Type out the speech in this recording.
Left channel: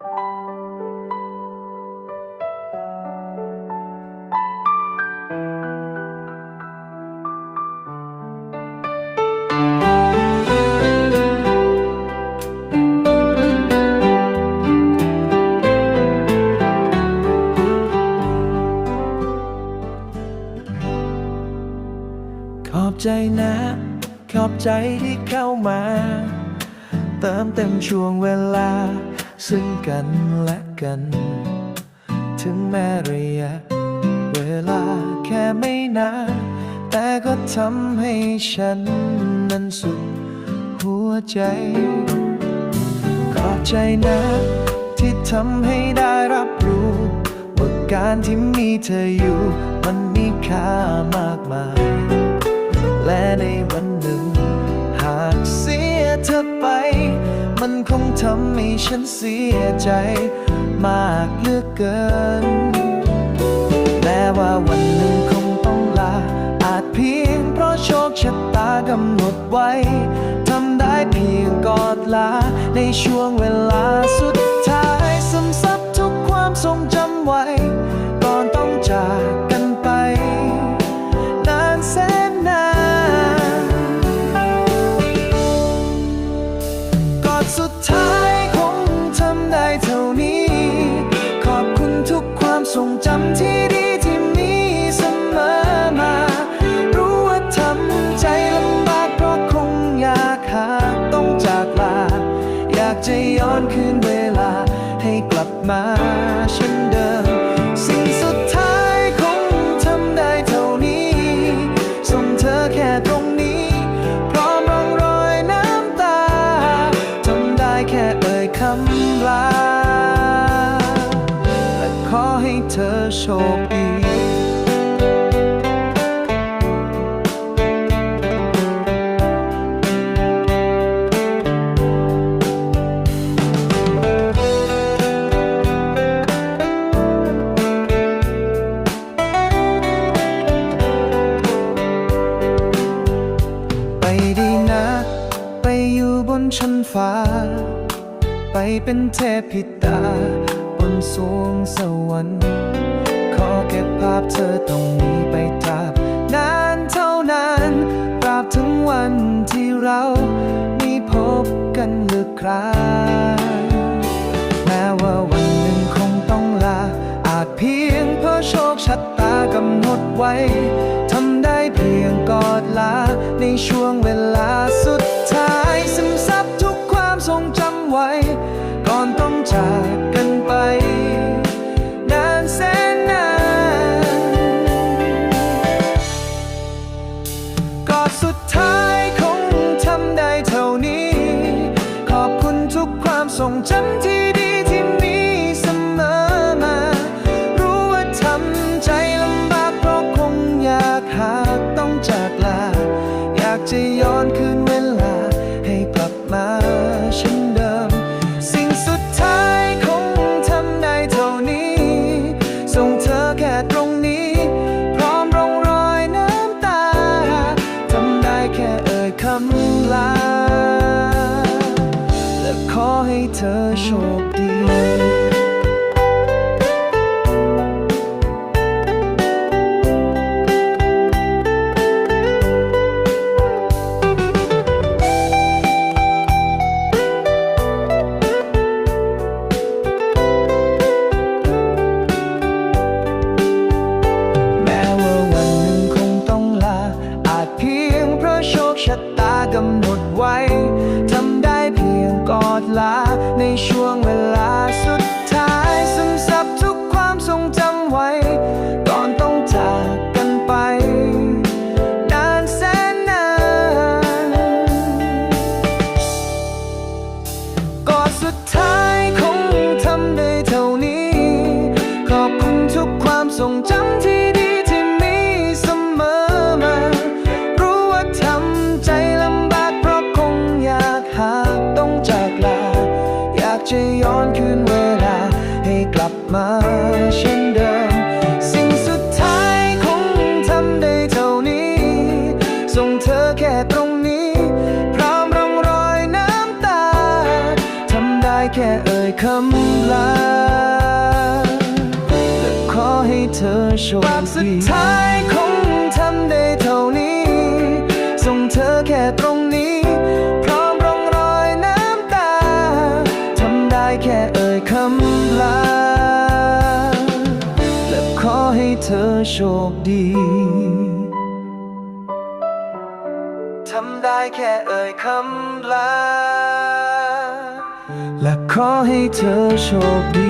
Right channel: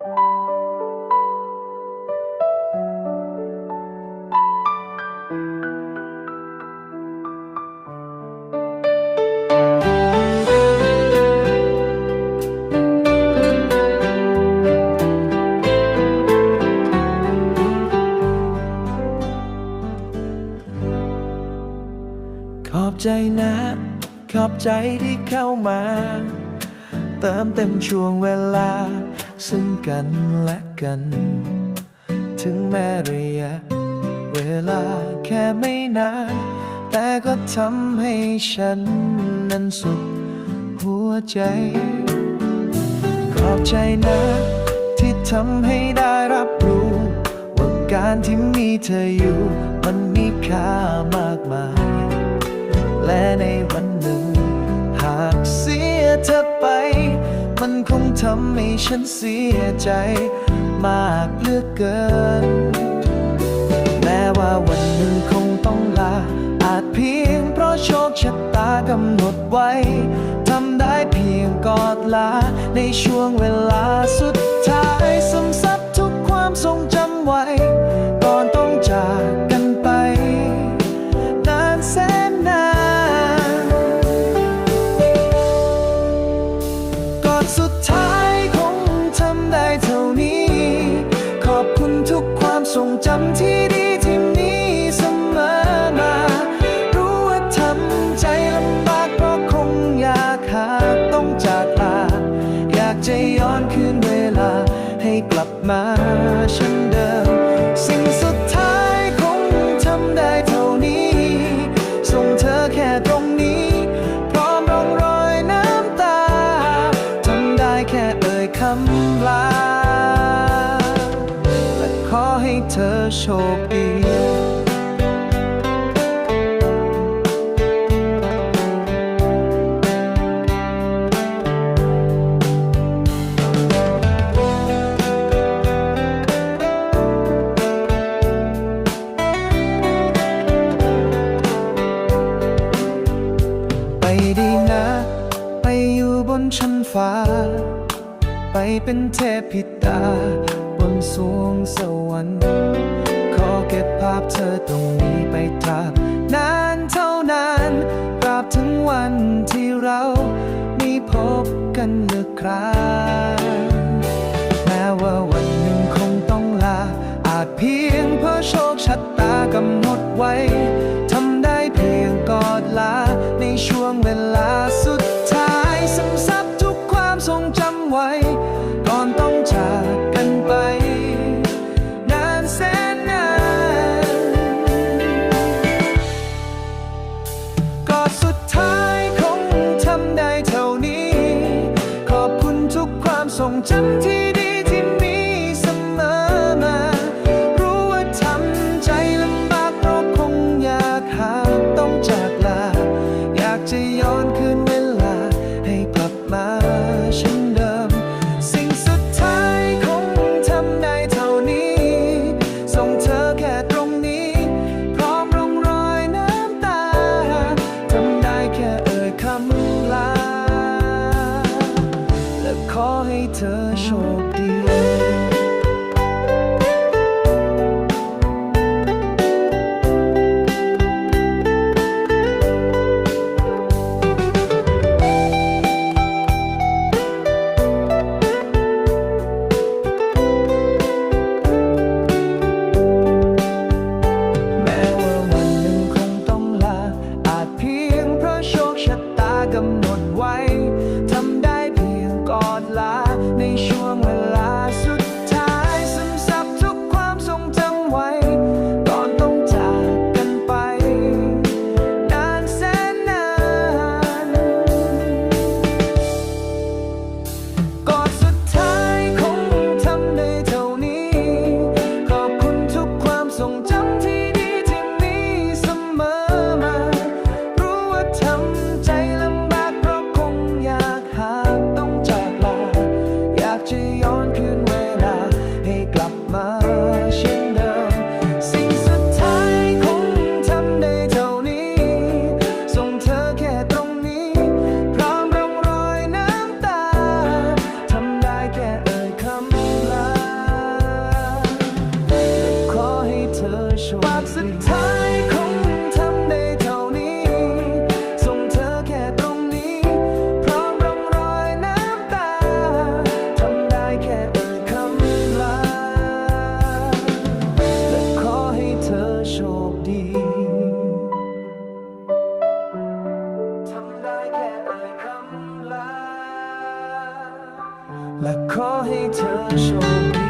ขอบใจนะ ขอบใจที่เข้ามา เติมเต็มช่วงเวลา ซึ่งกันและกัน ถึงแม้ระยะเวลาแค่ไม่นาน แต่ก็ทำให้ฉันนั้นสุขหัวใจ ขอบใจนะ ที่ทำให้ได้รับรู้ ว่าการที่มีเธออยู่ มันมีค่ามากมาย และในวันหนึ่ง เสียเธอไป มันคงทำให้ฉันเสียใจ มากเหลือเกิน แม้ว่าวันหนึ่งคงต้องลา อาจเพียงเพราะโชคชะตากำหนดไว้ ทำได้เพียงกอดลาในช่วงเวลาสุด สุดท้ายคงทำได้เท่านี้ ขอบคุณทุกความทรงจำที่ดีที่มีเสมอมา รู้ว่าทำใจลำบากเพราะคงอยากหากต้องจากลา อยากจะย้อนคืนเวลา ให้กลับมาเช่นเดิม สิ่งสุดท้ายคงทำได้เท่านี้ ส่งเธอแค่ตรงนี้ และขอให้เธอโชคดีไปดีนะ ไปอยู่บนชั้นฟ้า ไปเป็นเทพิตา บนสวงสวรรค์ขอเก็บภาพเธอตรงนี้ไปตราบนานเท่านานตราบถึงวันที่เราไม่พบกันเลือคราแม้ว่าวันหนึ่งคงต้องลา อาจเพียงเพราะโชคชะตากำหนดไว้ทำได้เพียงกอดลา ในช่วงเวลาสุดท้ายซึมซับ ทรงจำไว้ ก่อนต้องจากกันไป นานแสนนานกอดสุดท้ายคงทำได้เท่านี้ ขอบคุณทุกความทรงจำที่ดีที่มีเสมอมา รู้ว่าทำใจลำบากเพราะคงอยากหากต้องจากลา อยากจะย้อนคืนเวลา ให้กลับมาเช่นเดิม สิ่งสุดท้ายคงทำได้เท่านี้ ส่งเธอแค่ตรงนี้ พร้อมร่องรอยน้ำตา ทำได้แค่เอ่ยคำลา และขอให้เธอโชคดีากำหนดไว้ ทำได้เพียงกอดลา ในช่วงเวลาสุดท้ายซึมซับทุกความทรงจำไว้ ก่อนต้องจากกันไป นานแสนนาน กอดสุดท้ายคงทำได้เท่านี้ ขอบคุณทุกความทรงจำที่ดีที่ ย้อนคืนเวลา ให้กลับมาเช่นเดิม สิ่งสุดท้ายคงทำได้เท่านี้ ส่งเธอแค่ตรงนี้ พร้อมร่องรอยน้ำตา ทำได้แค่เอ่ยคำลา และขอให้เธอโชคดีภาพสุดท้ายคง ขอให้เธอโชคดี ทำได้แค่เอ่ยคำลา และขอให้เธอโชคดี